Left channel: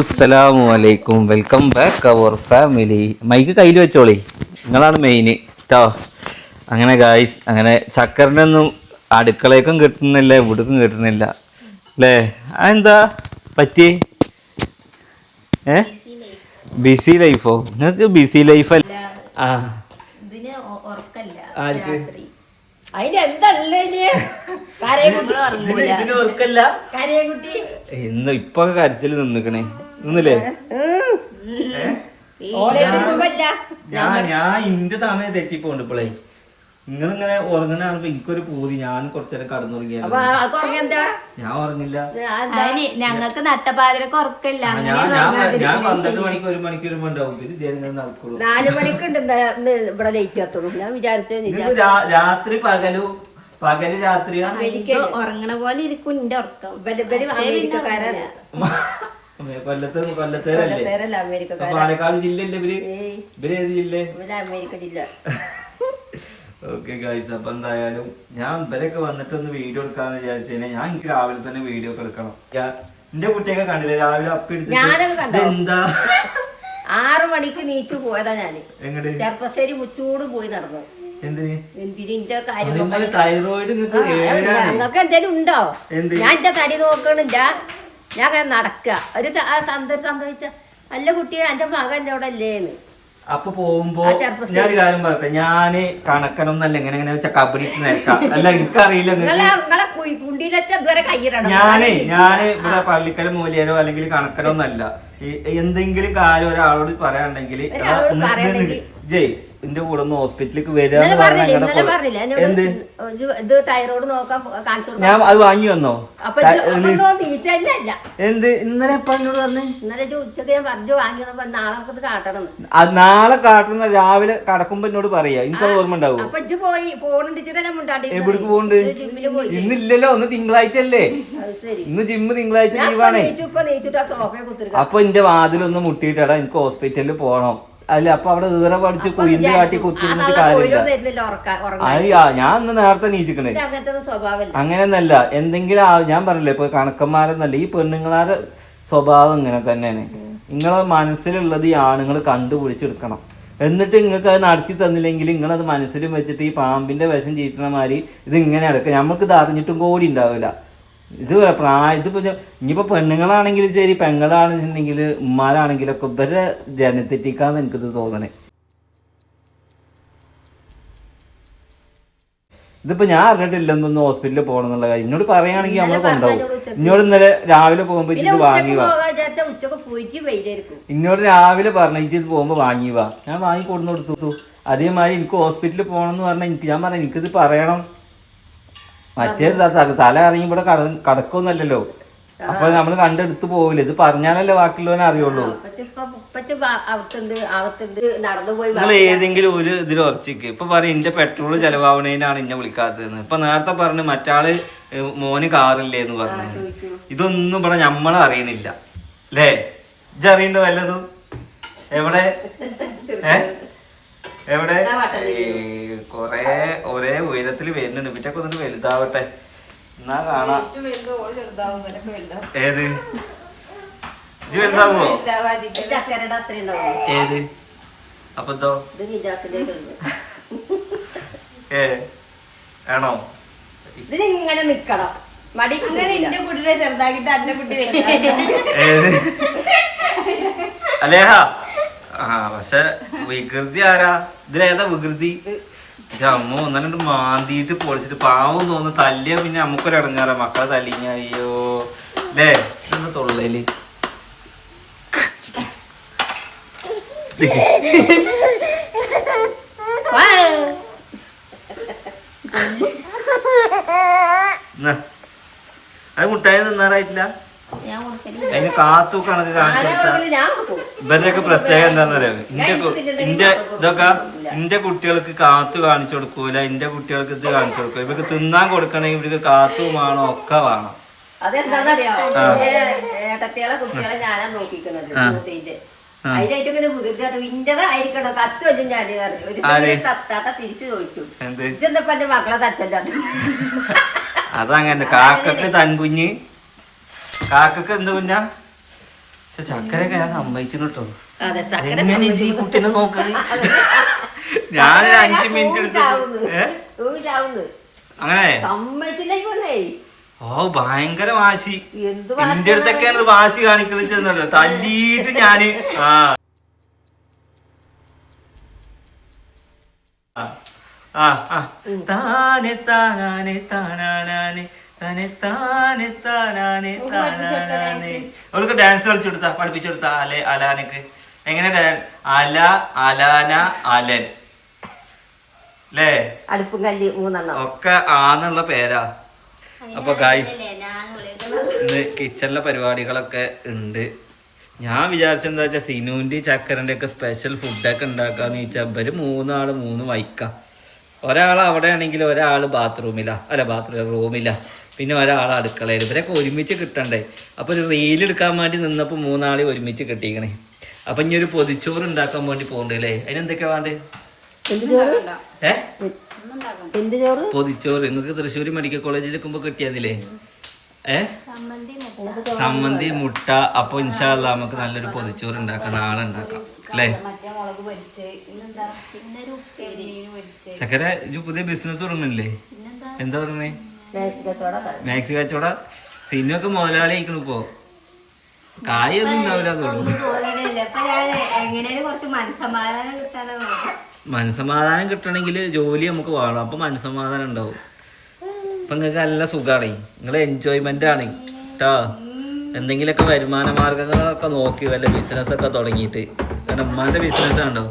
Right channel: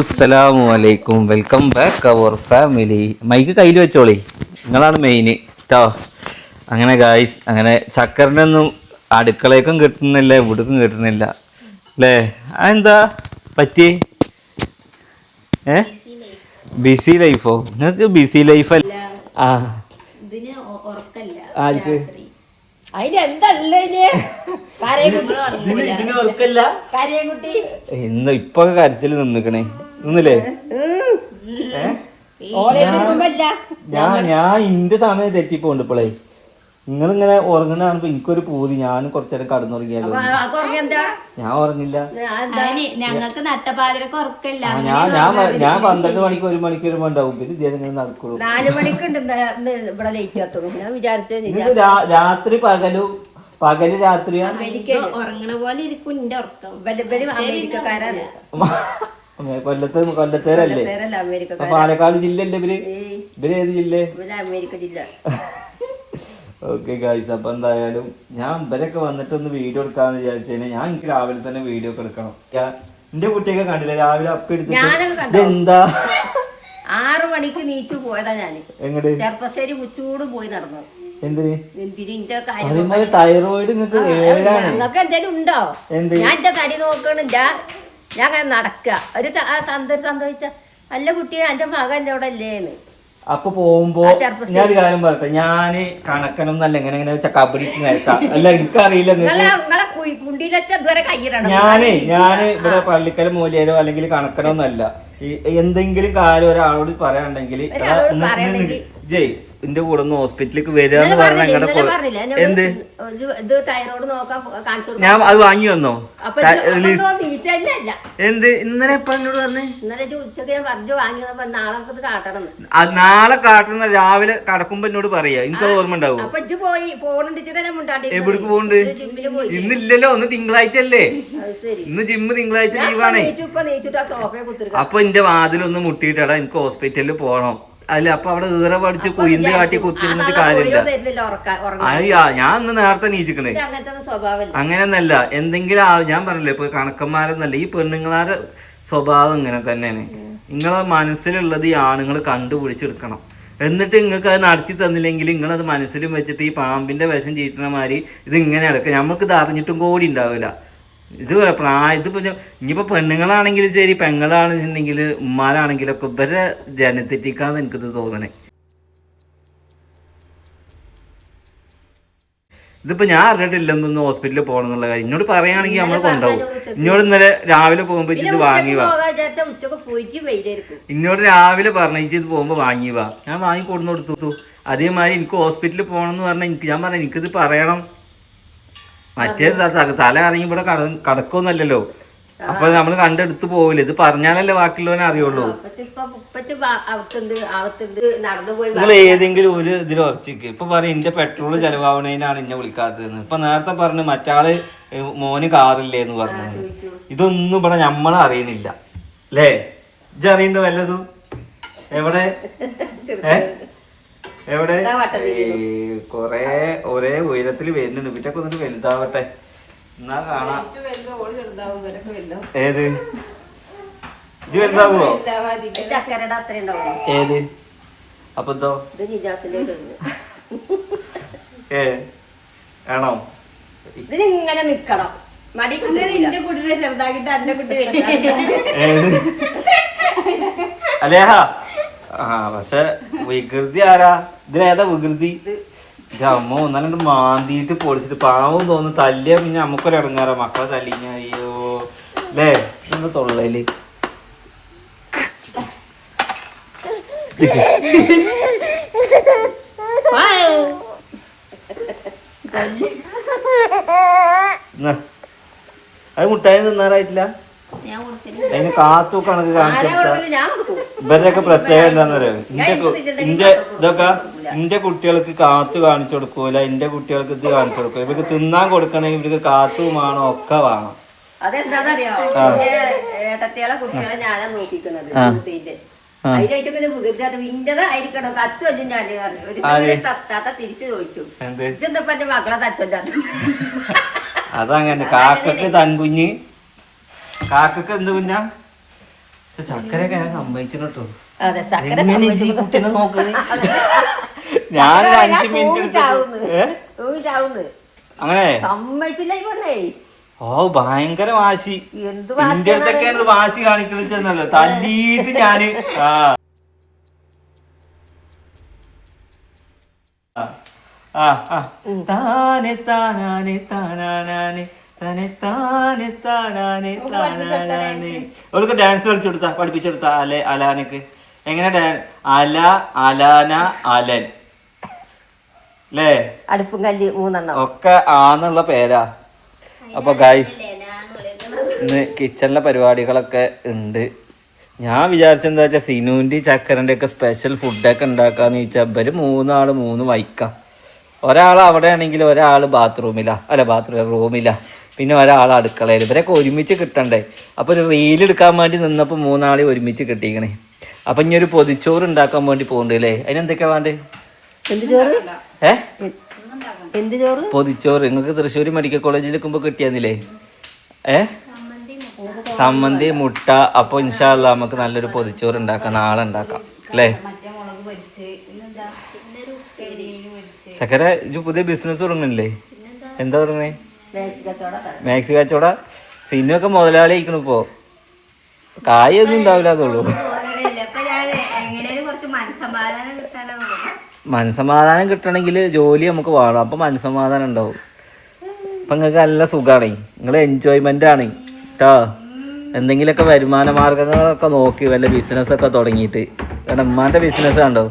അസ്സലാമു അലൈക്കും, welcome back our family. Mic കയ്യിൽ വെച്ചോളി, നിങ്ങളാണ് മെയിന് കേട്ടോ. അങ്ങനെ ഗായ്സ്, അങ്ങനെ ചക്കറിൻ്റെ ഒന്നും അടുക്കളയ്ക്കും കിട്ടുന്നില്ല, ഇവിടേക്കും കിട്ടുന്നില്ല അല്ലേ? അതെന്താ പറ്റി? ബിസി ലൈഫോ? നിങ്ങൾക്ക് ബിസി ലൈഫല്ല. ആ ആർക്ക് ഇന്ന് ഇപ്പൊ കരച്ചില് നിന്നിക്കണേ, നിന്നില്ലേ? ഞാൻ ഇന്റെ സമയം തെറ്റിപ്പോണ്ട് ഇപ്പോളേ. നിങ്ങളിങ്ങനെ ഉറങ്ങണാണ് എനിക്കൊരു പൂതി. ഞാൻ കുറച്ചേരം കടന്നുറങ്ങിയാലോ. ഞാൻ ഉറങ്ങില്ല. ഞങ്ങൾക്ക് നട്ടപ്പാതിരക്ക് ഉറക്കില്ല. ഞാൻ 12 മണിക്ക് 1 മണിക്കൂർ ഉണ്ടാവും. പിന്നെ ഇതേങ്ങനെ നടക്കുള്ളൂ. 4 മണിക്കുണ്ട് ഇവിടെ ലേറ്റ് ആത്തുള്ളൂ. ഞാൻ വിചാരിച്ചു രാത്രി പകല് രാത്രിയാ ഉറങ്ങണ പോലെ ഇരിക്കും എന്റെ ഉറക്കം. അമേരിക്കക്കാരാണ്. കൊല്ലത്തേരല്ലേ? പാലക്കാട് ജില്ലല്ലേ ഇവര്? ഇവര് ഏത് ജില്ല? അമേരിക്ക ജില്ല. ഓക്കെ ഗായ്സ്, അപ്പൊ എന്തായാലും ഞാൻ ഇവരൊക്കെ വന്നിട്ടൊന്ന് വീഡിയോ എടുക്കാന്ന് വിചാരിച്ചേനെ. ഞാൻ എനിക്ക് രാവിലെ തന്നെ വീഡിയോ ഒക്കെ എടുക്കണം. എന്റെ കുട്ടിയൊക്കെ കണ്ടില്ലേ രാവിലെ അപ്പൊ എടുത്തിട്ട് എന്താ 6 മണിക്ക് നീച്ചു പോയതാ ഞാന്. എങ്ങോട്ട്? ചെറുപ്പശ്ശേരി മുച്ചൂട് പോയി നടന്നു. എന്തിന്? തൈറോയിഡ് നിങ്ങൾക്ക് എന്തേലും ഉണ്ടോ? ഞാൻ എന്റെ തടി നോക്കണില്ല. ഞാൻ അങ്ങനെ നടക്കുക. ഒരു സംഭവിച്ച നല്ല കുട്ടിയെ എന്റെ മകൻ അവിടെ അല്ലേന്ന്. അപ്പൊ പോകുമ്പോ ഞാനൊരു കാര്യം പറയട്ടെ, ഞാന് കണക്കനം എന്നല്ല എങ്ങനെ വെച്ചാൽ കബഡി നിരക്കാം അല്ല, എനിക്കറിയില്ല. ഞാന് ഇവിടെ പള്ളിക്കല മൂലിയരോ അല്ലെങ്കിൽ കണക്കനോ ഒന്നല്ല. എന്തെങ്കിലും കാര്യം ഒരാളോട് പറയാണ്ടെങ്കിൽ ജയ് എന്റെ കൂടെ ഒന്ന് ഹോസ്പിറ്റലിലേക്ക് വരാന്ന് പറഞ്ഞ എന്ത് ഞാൻ അത് വാങ്ങി വന്നോ? എന്ത് ഇന്നലെ എപ്പ എന്നോട് പറഞ്ഞു? നാളെ കാട്ടണം. രാവിലെ കടക്കുമ്പോ എന്നോട് പറയാ, എനിക്കത് ഓർമ്മ ഉണ്ടാവും. എവിടേക്ക് പോകണ്ട്? ഇന്നില്ലല്ലോ, ഒന്ന് തിങ്കളാഴ്ച അല്ലേ? ഇന്ന് ജിമ്മ് തിങ്കളാഴ്ച ലീവാണേ. അപ്പൊ എന്റെ വാതിലൊന്ന് മുട്ടിയിട്ടാ എനിക്ക് ഹോസ്പിറ്റലിൽ പോണം. അല്ല അപ്പൊ അവിടെ ഈറ പഠിച്ച് കുയിന്ത് കാട്ടി കുത്തിരുന്നിട്ട് കാര്യമില്ല. ഞാൻ ഒന്ന് നേരത്തെ നീച്ചിക്കണേ. അങ്ങനെയൊന്നല്ല, എന്തെങ്കിലും ഞാൻ പറഞ്ഞില്ലേ ഇപ്പൊ കണക്കന്മാരെന്നല്ല, ഈ പെണ്ണുങ്ങളാരുടെ സ്വഭാവം ഇങ്ങനെ തന്നെയാണ്. നിങ്ങളെ മനസ്സിലുള്ളത് ഈ ആണുങ്ങൾ കണ്ടുപിടിച്ചെടുക്കണം. എന്നിട്ട് നിങ്ങൾക്ക് അത് നടത്തി തന്നില്ലെങ്കിൽ നിങ്ങളത് മനസ്സിലും വെച്ചിട്ട് ഈ പാമ്പിന്റെ വിഷം ചീറ്റണ മാതിരി ഇത് ഇങ്ങനെ എടുക്കുക. നമുക്ക് ഇത് അറിഞ്ഞിട്ടും കൂടി ഉണ്ടാവില്ല. ഇതിപ്പോ ഇനിയിപ്പോ പെണ്ണുങ്ങളാണെങ്കിലും ശരി, പെങ്ങളാണെന്നുണ്ടെങ്കിൽ ഉമ്മാരാണെങ്കിലൊക്കെ ഇവരെ ജനത്തെറ്റിക്കാന്ന് എനിക്കിത് തോന്നണേ. ഇതിപ്പോ ഞാൻ അറിഞ്ഞിട്ടില്ലെന്നൊന്ന് ഹോസ്പിറ്റലിൽ പോകണം എന്നുള്ള കാര്യം എന്നോട് പറയുകയാണെങ്കിൽ നമ്മൾ കൊണ്ടുപോകും. ഇന്നോട് ഇന്നലെ രാവിലെ പോകുമ്പോ ഇത് വാങ്ങി വാ, ഇന്നോട് രാവിലെ പറഞ്ഞു ഇത് പോകുമ്പോ വാങ്ങി വാ. ഞാൻ വാങ്ങി കൊടുന്നു കൊടുത്തു. അതേമാതിരി എനിക്ക് ഹോസ്പിറ്റലിൽ പോകണം എന്ന് പറഞ്ഞാൽ ഞാൻ പറഞ്ഞു എനിക്കിത് പറയണം. മറ്റേത് തല ഇറങ്ങി ഇവിടെ കടക്കൊന്നല്ലല്ലോ. അപ്പൊ നമ്മള് കണ്ടെടുത്ത് പോവില്ല. ഇത് പറഞ്ഞാലല്ലേ ബാക്കിയുള്ളവനെ അറിയുള്ളൂ. നിങ്ങൾ ഏതെങ്കിലും ഒരു ഇതിൽ ഉറച്ചിക്ക്. ഇപ്പൊ പറയും എന്റെ പെട്രോള് ചെലവാവണേനാണ് എന്നെ വിളിക്കാത്തതെന്ന്. ഇപ്പൊ നേരത്തെ പറഞ്ഞു മറ്റാള് മോന് കാറില്ലേന്ന് പറഞ്ഞു. ഇതൊന്നും ഇവിടെ നമ്മളെ അറിയണില്ല അല്ലേ? ഇജ്ജ് അറിയണ്ട വല്ലതും? എവിടെ എവിടെ? കൊറേ ഒരേ ഉയരത്തിൽ വരുന്നുണ്ട്. ഇവറ്റൊക്കെ ഒന്നിട്ട് വലുതാവട്ടെ എന്നാ കാണാം. ഏത് ഇത് വലുതാവോ? ഏത്? അപ്പൊ എന്തോ ആണോ? ഇതിങ്ങനെ നിക്കണം. ഏത് അലേഹാ? ആ പക്ഷെ വികൃതി ആരാ? ഇതിലേതാ വികൃതി? അമ്മ ഒന്നാണ്ട് മാന്തിയിട്ട് പൊളിച്ചിട്ട് പാവം തോന്നുന്നു. തല്ലിയാ പിന്നെ നമുക്കൊരു ഇടങ്ങാറാ മക്കളെ തല്ലിഞ്ഞ. അയ്യോ അല്ലേ? ഇതെന്താ തൊള്ളയില്? അത് മുട്ടായി തിന്നാറായിട്ടില്ല. അതിന് കാത്തു കണക്ക് കാണിച്ചു ഇവരുടെയൊക്കെ പ്രത്യേകം എന്താന്ന് പറയാ, ഇന്റെ കുട്ടികൾക്ക് കാത്തു കാണിച്ചു കൊടുക്കൂല, ഇന്റെ കുട്ടികൾക്ക് ഇത് കാണിച്ചു കൊടുക്കൂല. ഇവർക്ക് തിന്നാൻ കൊടുക്കണമെങ്കിൽ ഇവർക്ക് കാത്തും വേണം, ഒക്കെ വേണം. അതെന്താന്നറിയോ? ഏട്ടത്തിയാളെ കുട്ടികളെ ഞാനാ നോക്കിക്കുന്നത്. അതിനായിട്ടിങ്ങനെ ഇന്റേതായിരിക്കണം. തച്ചൊല്ലും ഞാൻ ഒരു തത്താത്ത തിരിച്ചു ചോദിച്ചു, ഇതെന്തപ്പ എന്റെ മക്കളെ തച്ചൊല്ല. അതങ്ങനെ കാക്കക്ക് തൻകുഞ്ഞ് കാക്കക്ക് എന്ത് കുഞ്ഞാ? പക്ഷെ ചക്കരയൊക്കെ ഞാൻ സമ്മതിച്ചിന് കേട്ടോ. അതെ, ചക്കര എങ്ങനെ ഇജ്ജ് ഈ കുട്ടീനെ നോക്കണേ? ഞാനൊരു 5 മിനിറ്റ് എടുത്തു. അങ്ങനെ സമ്മതിച്ചില്ല ഈ പെണ്ണേ. ഓ ഭയങ്കര വാശി. എന്ത് എന്റെ അടുത്തൊക്കെയാണ് ഇത് വാശി കാണിക്കണല്ലോ. തല്ലിയിട്ട് ഞാന് താനെ താനാനെ താനാനെ തന്നെ താനെ താനാനെ താനാനെ. അവൾക്ക് ഡാൻസ് കളിച്ചെടുത്താ, പഠിപ്പിച്ചെടുത്താ. അലാനക്ക് എങ്ങനെ അല അലാന അലൻ അല്ലേ? അടുപ്പും കല്ല് 3 ഒക്കെ ആന്നുള്ള പേരാ. അപ്പൊ ഗൈസ് ഇന്ന് കിച്ചണിലെ പരിപാടികളൊക്കെ ഉണ്ട്. ഞാൻ വിചാരിച്ചെന്താ വെച്ചാൽ സിനുവിൻ്റെ ചക്കരൻ്റെ ഒക്കെ സ്പെഷ്യൽ ഫുഡൊക്കെ ഉണ്ടാക്കാന്ന് വെച്ചാൽ ഇവര് 3 ആള് 3 വൈക്കാം. ഒരാൾ അവിടെ ആണെങ്കിൽ ഒരാൾ റൂമിലാ, പിന്നെ ഒരാൾ അടുക്കളയിൽ. ഇവരൊക്കെ ഒരുമിച്ച് കിട്ടണ്ടേ. അപ്പൊ ഒരു റീലെടുക്കാൻ വേണ്ടി നിന്നപ്പോൾ 3 ആളെ ഒരുമിച്ച് കിട്ടിക്കണേ. അപ്പൊ ഇനി ഒരു പൊതിച്ചോറ് ഉണ്ടാക്കാൻ വേണ്ടി പോകണ്ടേ അല്ലേ? അതിനെന്തൊക്കെയാ വേണ്ടേ? പൊതിച്ചോറ്. നിങ്ങൾക്ക് തൃശ്ശൂർ മെഡിക്കൽ കോളേജിൽ നിൽക്കുമ്പോ കിട്ടിയാന്നില്ലേ? സമ്മന്തി, മുട്ട. അപ്പൊ ഇൻഷാ അല്ലാ നമുക്ക് നല്ലൊരു പൊതിച്ചോറ് ഉണ്ടാക്കാം, നാളെ ഉണ്ടാക്കാം അല്ലേ? ചക്കര ഇത് പുതിയ ബിസിനസ് തുടങ്ങണില്ലേ? എന്താ തുടങ്ങണേ? മാക്സി കച്ചവട. സിനിമയൊക്കെ മുതലാളി ആയിക്കണു ഇപ്പോ. കായൊന്നും ഉണ്ടാവില്ല അതുള്ളൂ. മനസമാധാനം കിട്ടണമെങ്കിൽ ജോലി നമുക്ക് വേണം. അപ്പൊ മനസമാധാനം ഉണ്ടാവും. അപ്പൊ നിങ്ങൾക്ക് നല്ല സുഖമാണ്, നിങ്ങൾ എൻജോയ്മെന്റ് ആണ് കേട്ടോ. എന്തെങ്കിലുമൊക്കെ വരുമാന മാർഗങ്ങളൊക്കെ നോക്കി വല്ല ബിസിനസ്സൊക്കെ തുടങ്ങിയിട്ട്. കാരണം ഉമ്മാന്റെ ബിസിനസ് ഉണ്ടോ?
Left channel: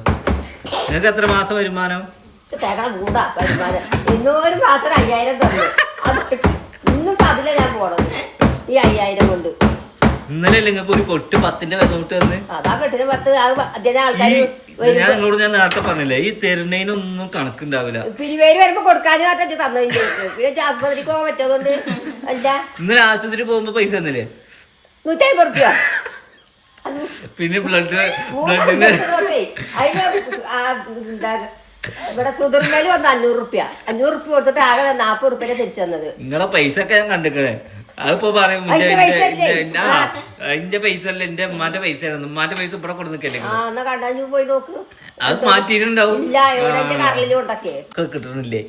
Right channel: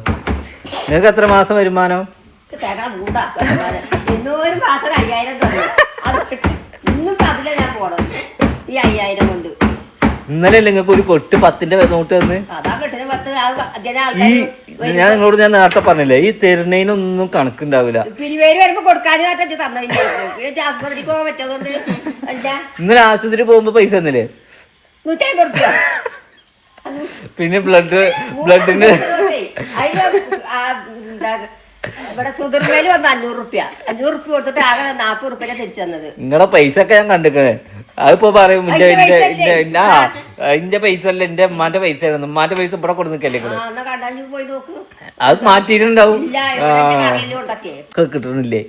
നിങ്ങൾക്ക് എത്ര മാസം വരുമാനം? ഇന്നലെ നിങ്ങൾക്ക് ഒരു കൊട്ട് 10ന്റെ നോട്ട് തന്ന്. ഞാൻ നിങ്ങളോട് ഞാൻ നേരത്തെ പറഞ്ഞില്ലേ, ഈ തെരുന്നതിനൊന്നും കണക്കുണ്ടാവില്ല. ഇന്നലെ ആശുപത്രി പോകുമ്പോ പൈസ തന്നില്ലേ? 150 രൂപ. പിന്നെ ബ്ലഡിന് ഇവിടെ സുഗർമേല് വന്ന് 500 രൂപ കൊടുത്തിട്ട് ആകെ 40 രൂപ തിരിച്ചു തന്നത്. നിങ്ങളെ പൈസ ഒക്കെ ഞാൻ കണ്ടിക്കണേ. അതിപ്പോ പറയും എന്റെ പൈസ അല്ല, എന്റെ ഉമ്മാന്റെ പൈസ ആണ്. ഉമ്മാന്റെ പൈസ ഇവിടെ കൊടു നിൽക്കല്ലേ? പോയി നോക്ക്, അത് മാറ്റിയിട്ടുണ്ടാവും. കിട്ടുന്നില്ലേ?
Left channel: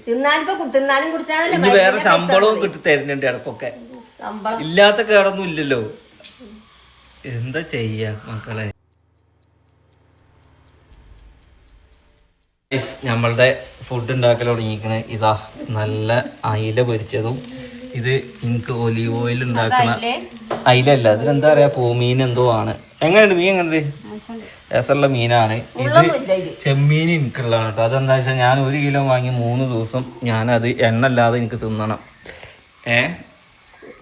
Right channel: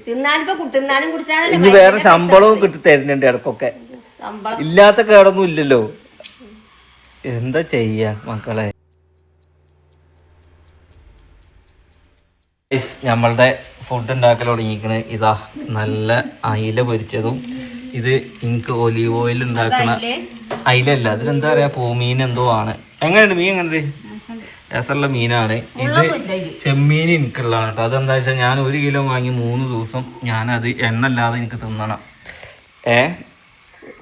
ഇനി വേറെ ശമ്പളവും കിട്ടി തരുന്നുണ്ട് ഇടക്കൊക്കെ. ഇല്ലാത്ത കേടൊന്നും ഇല്ലല്ലോ. എന്താ ചെയ്യാ മക്കളെ? നമ്മളുടെ ഫുഡ് ഉണ്ടാക്കൽ തുടങ്ങിക്കണേ. ഇതാ നല്ല അയില പൊരിച്ചതും. ഇത് എനിക്ക് ഒലീവ് ഓയിൽ ഉണ്ടാക്കണ അയിലല്ല, അതിലെന്താ പറയാ, പൂമീൻ എന്തോ ആണ്. എങ്ങനെയുണ്ട് മീൻ? എങ്ങനെയുണ്ട്? രസമുള്ള മീനാണ് ഇത്. ചെമ്മീൻ എനിക്കുള്ളതാണ് കേട്ടോ. അതെന്താ വെച്ചാൽ ഞാൻ 1 കിലോ വാങ്ങി 3 ദിവസം ഞാനത് എണ്ണല്ലാതെ എനിക്ക് തിന്നണം.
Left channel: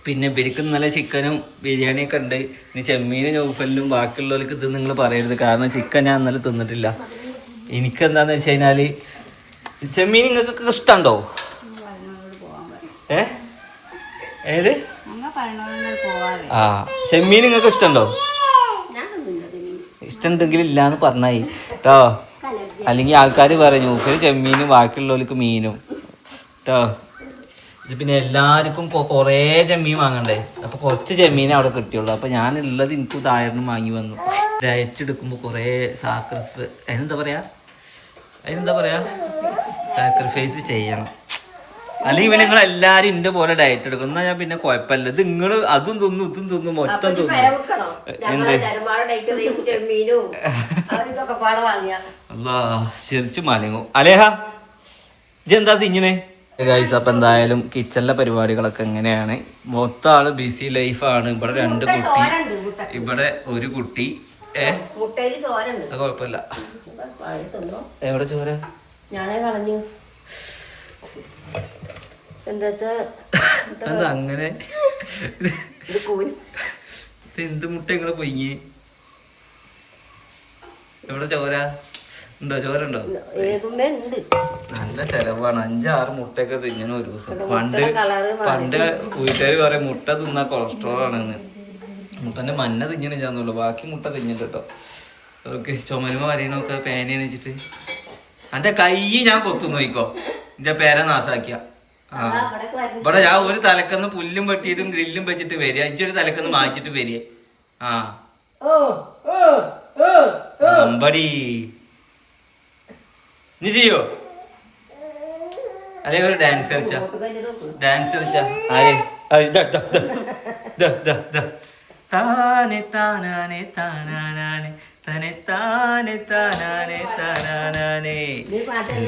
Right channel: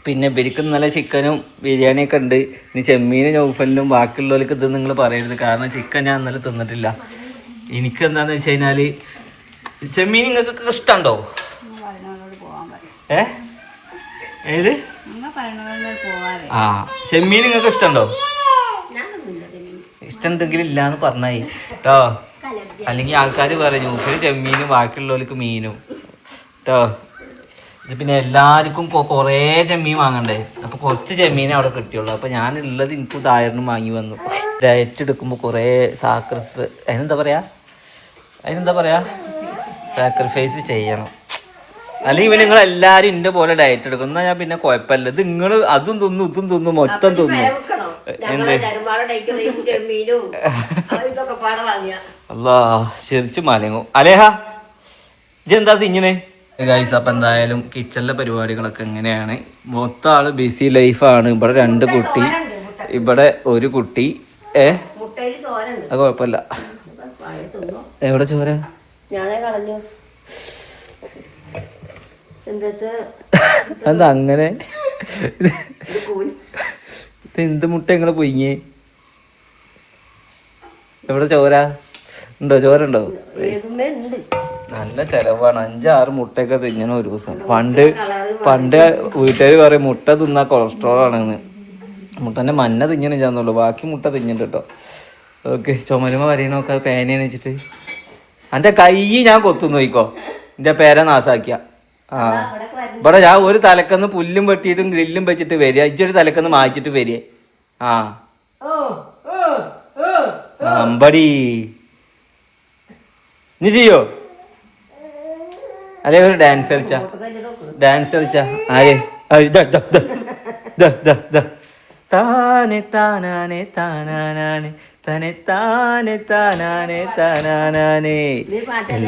പിന്നെ ഇവർക്ക് ഇന്നലെ ചിക്കനും ബിരിയാണിയൊക്കെ ഉണ്ട്. ഇനി ചെമ്മീനും നൗഫലിനും ബാക്കിയുള്ളവർക്ക് ഇത് നിങ്ങൾ പറയരുത്. കാരണം ചിക്കൻ ഞാൻ ഇന്നലെ തിന്നിട്ടില്ല. എനിക്കെന്താന്ന് വെച്ച് കഴിഞ്ഞാൽ ചെമ്മീൻ നിങ്ങൾക്കൊക്കെ ഇഷ്ടമുണ്ടോ? ഏത് ചെമ്മീൻ നിങ്ങൾക്ക് ഇഷ്ടമുണ്ടോ? ഇഷ്ടമുണ്ടെങ്കിൽ ഇല്ലാന്ന് പറഞ്ഞായി കേട്ടോ. അല്ലെങ്കിൽ ആൾക്കാർ പറയും ചെമ്മീനും ബാക്കിയുള്ളവർക്ക് മീനും കേട്ടോ. ഇത് പിന്നെ എല്ലാവർക്കും കുറേ ചെമ്മീൻ വാങ്ങണ്ടേ. അപ്പൊ കുറച്ച് ചെമ്മീനെ അവിടെ കിട്ടിയുള്ളൂ. അപ്പൊ ഞാനുള്ളത് എനിക്ക് തായറിനും വാങ്ങി വന്നു. ഡയറ്റ് എടുക്കുമ്പോൾ കുറേ അതിനെന്താ പറയാ സാക്രിഫൈസ് ചെയ്യണം. അല്ലെങ്കിൽ പിന്നെ നിങ്ങൾ എല്ലാരും ഇന്റെ പോലെ ഡയറ്റ് എടുക്കണം. എന്നാ ഞാൻ പിന്നെ കുഴപ്പമില്ല. ഇത് നിങ്ങൾ അതും തിന്നു ഇതും തിന്നു മൊത്തം തിന്നു. എന്ത് അല്ലാ ചിരിച്ചു മാലിങ്ങോ അലേഹ ഇതെന്താ ഇങ്ങനെ ഗൈസ്. അപ്പൊ എന്തായാലും കിച്ചണിലെ പരിപാടികളൊക്കെ എങ്ങനെയാണ്? മൊത്തം ആള് ബിസി ലൈഫാണ്. ഇവിടെ 2 കുട്ടി, ഇവിടെ 1 കുട്ടി. അത് കുഴപ്പമില്ല. എവിടെ ചോര? എന്താ അങ്ങനെ? എന്ത് മുട്ട ഇങ്ങനെ പൊയ്യേ? എവിടെ ചോര ഉണ്ടോ? ചോര ഉണ്ടോ? നല്ല ചെലവാണ്. 5-6 മുട്ടയൊക്കെ തിന്നണം ഒരു ദിവസം. പണ്ട് വീട്ടുകാർ പറയും മുട്ട തിന്നാ കൊളസ്ട്രോൾ ആണെന്ന്. മുട്ടന്റെ മഞ്ഞ തിന്നണില്ലാന്നുള്ളൂ, ബാക്കി മുട്ട തിന്നിട്ട് കേട്ടോ. ഓക്കെ, ചുമരുമ വരയണോക്കെ പേനയാണ് വെച്ചിട്ട് എന്റെ കൈ ഞാൻ കൊത്തു നോക്കോ. എന്റെ പേര നാസാക്കിയ ഇവിടെ ഞാൻ ഒരു തലക്കന്ന് പുല്ലും വെട്ടിയിട്ടും ഗ്രില്ലും വെച്ചിട്ട് വരിക. ഇജ്ജൊരു തലക്കന്ന് മാറ്റിട്ട് വരിക. അമ്പടി നീ ചെയ്യോ അല്ലെ ഒരു ഡാൻസ് കളിച്ചാ താനെ താനാനെ താനാനെ തനെ താനെ താനാനെ താനാനെ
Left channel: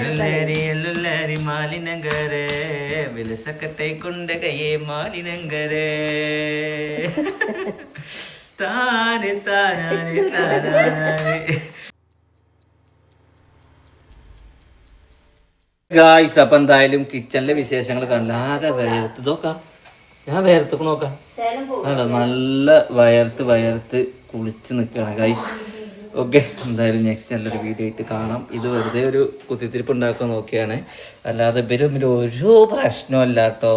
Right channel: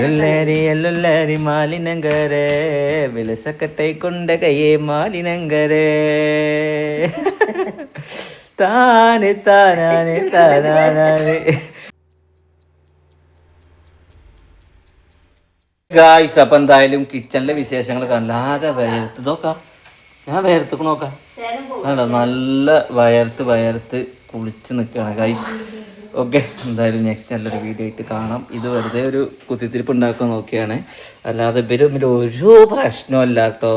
എല്ലരി മാലിനങ്കരേ വിലസക്കട്ടെ കൊണ്ട കയ്യേ മാലിനങ്കരേ താനെ താനാനെ താനാനെ. ഗായ്സ്, അപ്പൊ എന്തായാലും കിച്ചണിലെ വിശേഷങ്ങൾ കണ്ടില്ല. ആകെ വയർത്ത് നോക്കാം, ഞാൻ വയർത്ത് നോക്കാം. നല്ല വയർത്ത് കുളിച്ച് നിൽക്കുകയാണ് ഗായ്സ്. ഓക്കെ, എന്തായാലും നെക്സ്റ്റ് നല്ലൊരു വീഡിയോ ആയിട്ട് കാണാം. ഇത് വെറുതെ ഒരു കുത്തിത്തിരിപ്പ് ഉണ്ടാക്കാൻ നോക്കിയാണ്, അല്ലാതെ ഇവരും ഒരു പ്രശ്നമല്ല കേട്ടോ.